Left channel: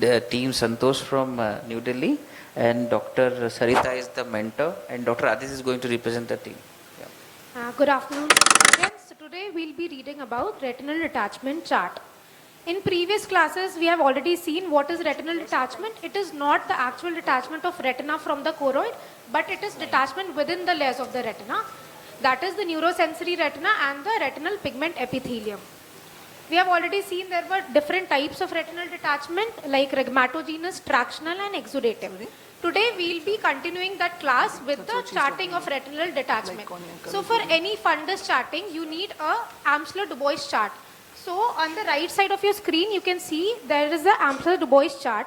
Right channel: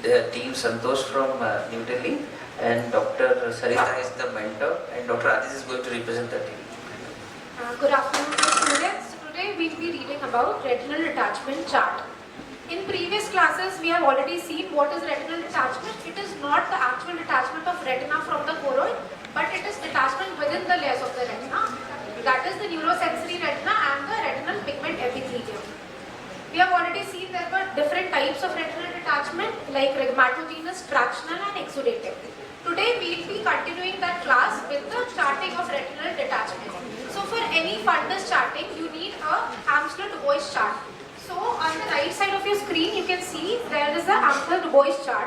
the team Santosh from New Delhi, and Dr. Sarita is the mentor, and Dr. Aditi is going to represent the team. Good afternoon, students. Today we will be reading about retinal detachment chart. In previous classes, we have already seen what is retinal detachment. It is not the actual detachment of retina from the choroid, but it is detachment within the layers of the retina. That is the neurosensory retina and the retinal pigment epithelium. We have already seen there were different types of retinal detachment like rhegmatogenous, tractional and exudative. Today we will be continuing that class with the charting of retinal detachment. So for any fundus charting, you need a Amsler-Dubois chart. So on the right side of your screen, you can see there is the Amsler-Dubois chart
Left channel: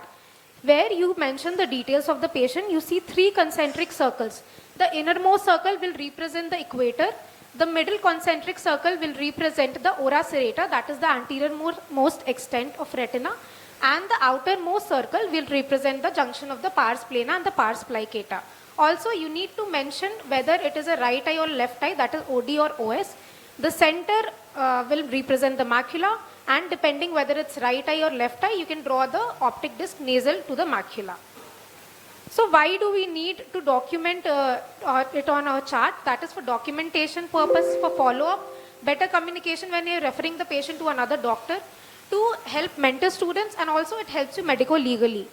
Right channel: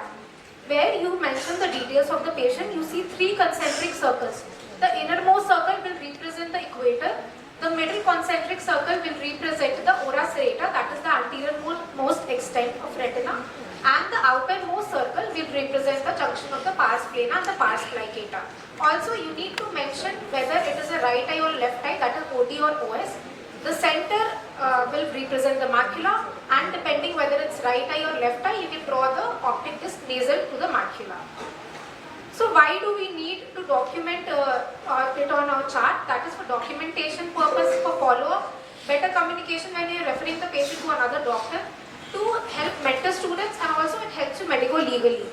where you mention the details of the patient. You see 3 concentric circles. The innermost circle will represent the equator. The middle concentric circle will represent the ora serrata, that is the anterior-most extent of retina, and the outermost circle will represent the junction of the pars plana and the pars plicata. Also, you need to mention whether it is a right eye or left eye, that is OD or OS. The center will represent the macula, and depending whether it's right eye or left eye, you can draw the optic disc nasal to the macula. So why do we need to document it on our chart? That is for documentation purpose, for follow-up, better communication when you are referring the patient to another doctor, to help mentor students, and also it helps you medico-legally.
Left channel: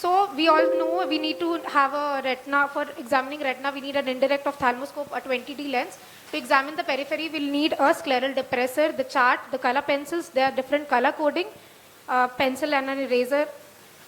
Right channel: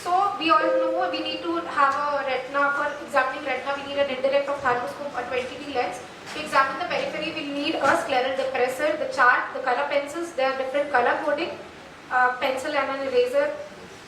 So we all know we need to have a retina. For examining retina, we need an indirect ophthalmoscope, a 20D lens. To examine the periphery, we'll need a scleral depressor, the chart, the color pencils. They are different color coding, pencil and an eraser.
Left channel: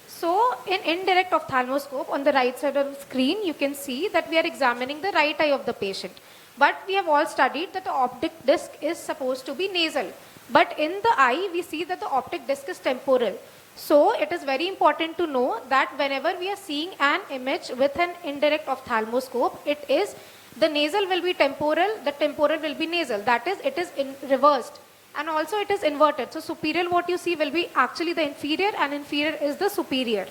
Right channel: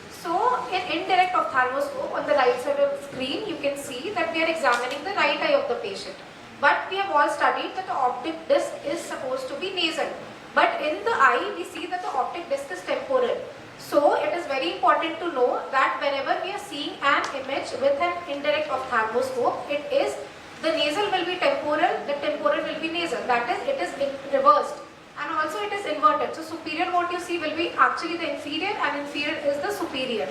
So in indirect ophthalmoscope, on the right side of the screen, you can see that we are examining the right eye of the patient. But we have all studied that the optic disc is supposed to be nasal. But in the eye, we see that the optic disc is temporal. So it is very important to know that whenever we are seeing an image with an indirect ophthalmoscope, it is the nasal will be temporal, the temporal will be nasal. That is, it is reversed. And also it is inverted. So superior what you see will be actually the inferior, and inferior is the superior.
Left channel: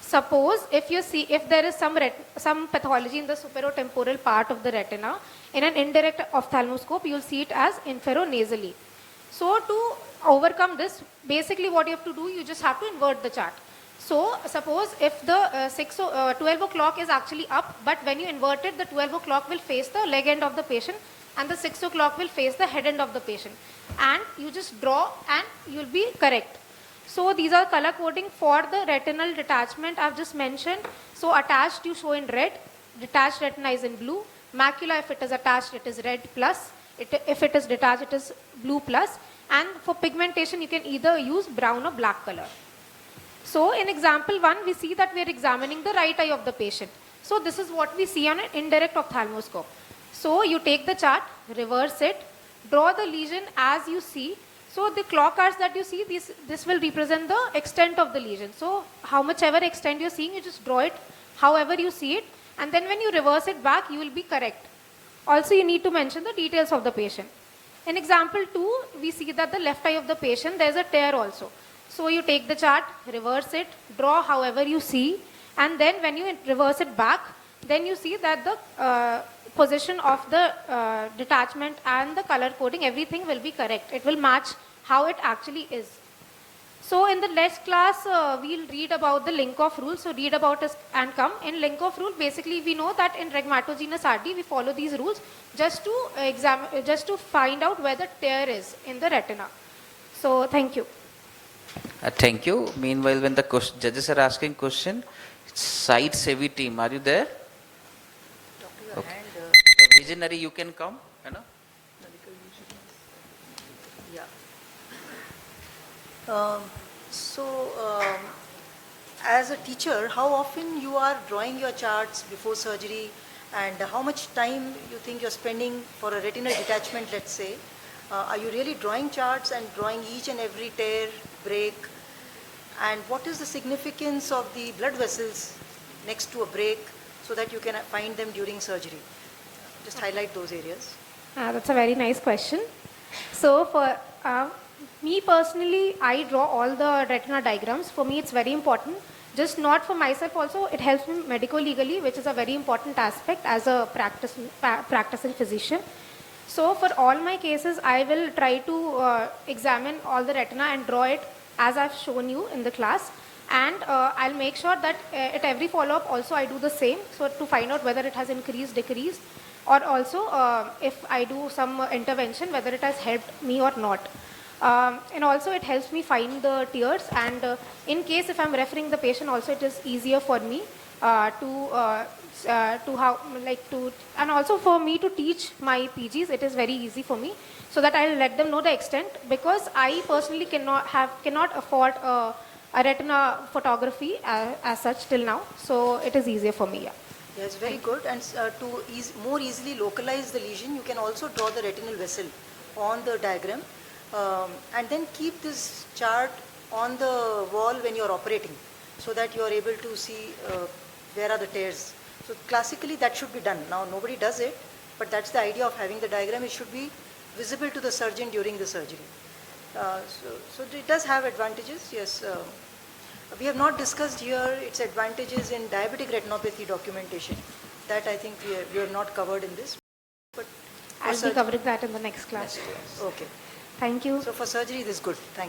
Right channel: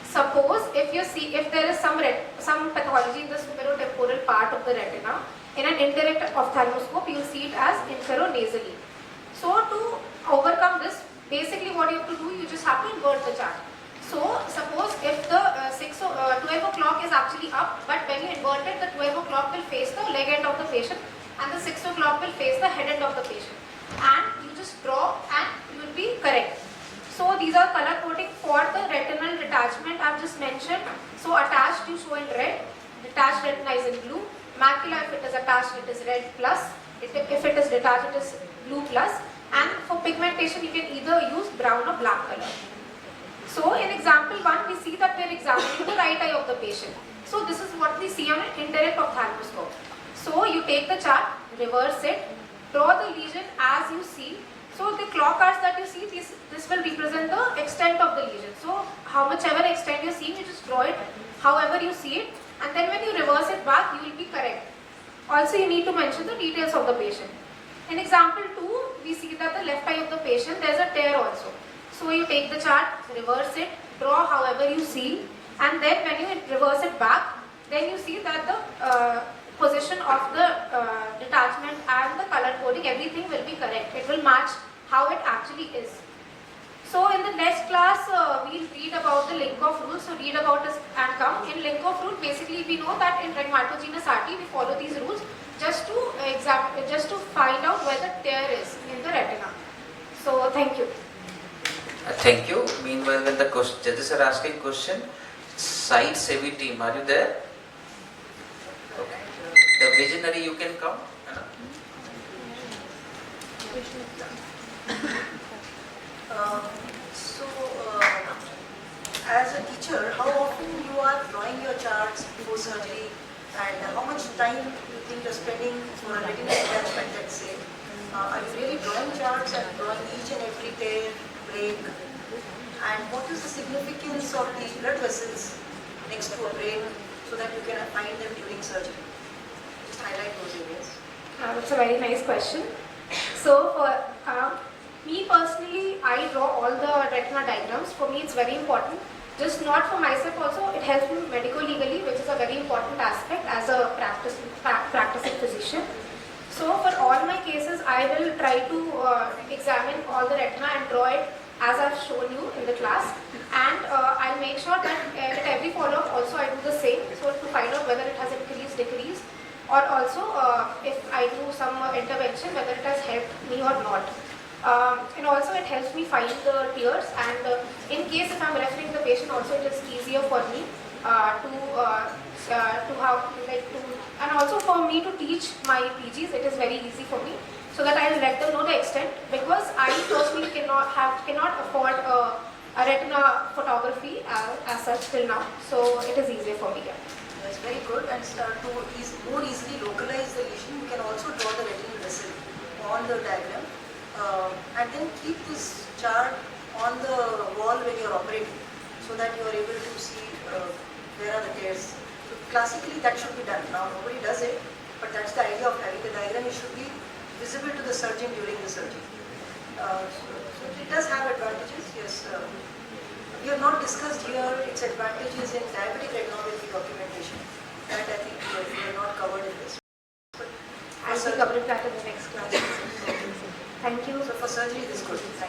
Suppose if there is some pathology in the superotemporal part of the retina, in an indirect ophthalmoscope you will see it as inferonasally. So to overcome this, basically what you have to do, you just have to invert the chart. So suppose if the 12 o'clock is actually up, but when you invert it, the 12 o'clock will face the leg end of the patient, and the 6 o'clock will face the head end of the patient, and you just draw and you will be correct. So these are color coding for the retinal detachment I have just mentioned. So attached you show in red, detached retina is in blue, macula if it is attached it is red plus, if it is detached it is blue plus, and for pigmentation you can either use brown or black color. So in example 1 we see that we are examining the right eye of the patient. So this is what we see on an indirect ophthalmoscope. So you take the chart, reverse it, draw the lesion as you see. So the clock arcs that you see, this will represent the extent of the lesion. So how much ever extent you are seeing, you just draw it however you see it, and then when you reverse it back, you will be correct. Also you need to mention the details of the patient. In example 2, we see that the left eye of the patient, there is a tear also. So you take the chart, reverse it, draw however you see, and then when you reverse it back, then you see that the position of the detachment and the color coding, everything will be correct. It will match how it actually is. So in the next class, we'll read about the Linkoff rule. So read about it and come. In Linkoff rule, basically we know that in rhegmatogenous RT, we follow these rules just to find out where the tear is in the retina. So thank you. Thank you. Meanwhile, when the judges are asking question, site savvy team, are you there? Okay. The visionary, you can come. As a teacher, how often you are drawing your charts before surgery, and how much time you think you're spending for a retinal detachment, let's say? Are you really drawing charts and drawing each and every tear, break? And what is the significance of the blood vessels next to a break so that you can find them during surgery? Just highlight those areas. That's a very nice question. So for me personally, I draw all the retina diagrams. For me it's very important. Just not for myself also, it helps me medico-legally, which is a very important aspect as a practicing physician. So for all my cases, I will try to examine all the retina and draw it as I've shown you in the class, and I'll make sure that at every follow-up also I do the same, so to find out whether it has increased, decreased, or also if I do some intervention, whether it has helped me or not. And also it helps me find the tears, and in case if I'm referring the patient also, it is easier for me to how like to, and also for me to teach my PGs, it is very easy for me, so that I'll let them know the extent, because I personally cannot afford a retina photography as such till now, so it is easier for me. Yeah. Yes, very good. And to more easily localize the lesion, you can also draw the retinal vessel on the diagram, and then keep this chart on the wall when you are operating, so that you are able to see where are the tears. So classically that should be done. Now nobody does it, but that's the idea of having the diagram. It should be visible to the surgeon during the surgery. So it does have advantages, yes. We have not discussed here its advantages in diabetic retinopathy documentation. That I think we have not covered in this. But I'll be covering that in the next class. okay. Thank you. So for surgery, this is good. Thank you.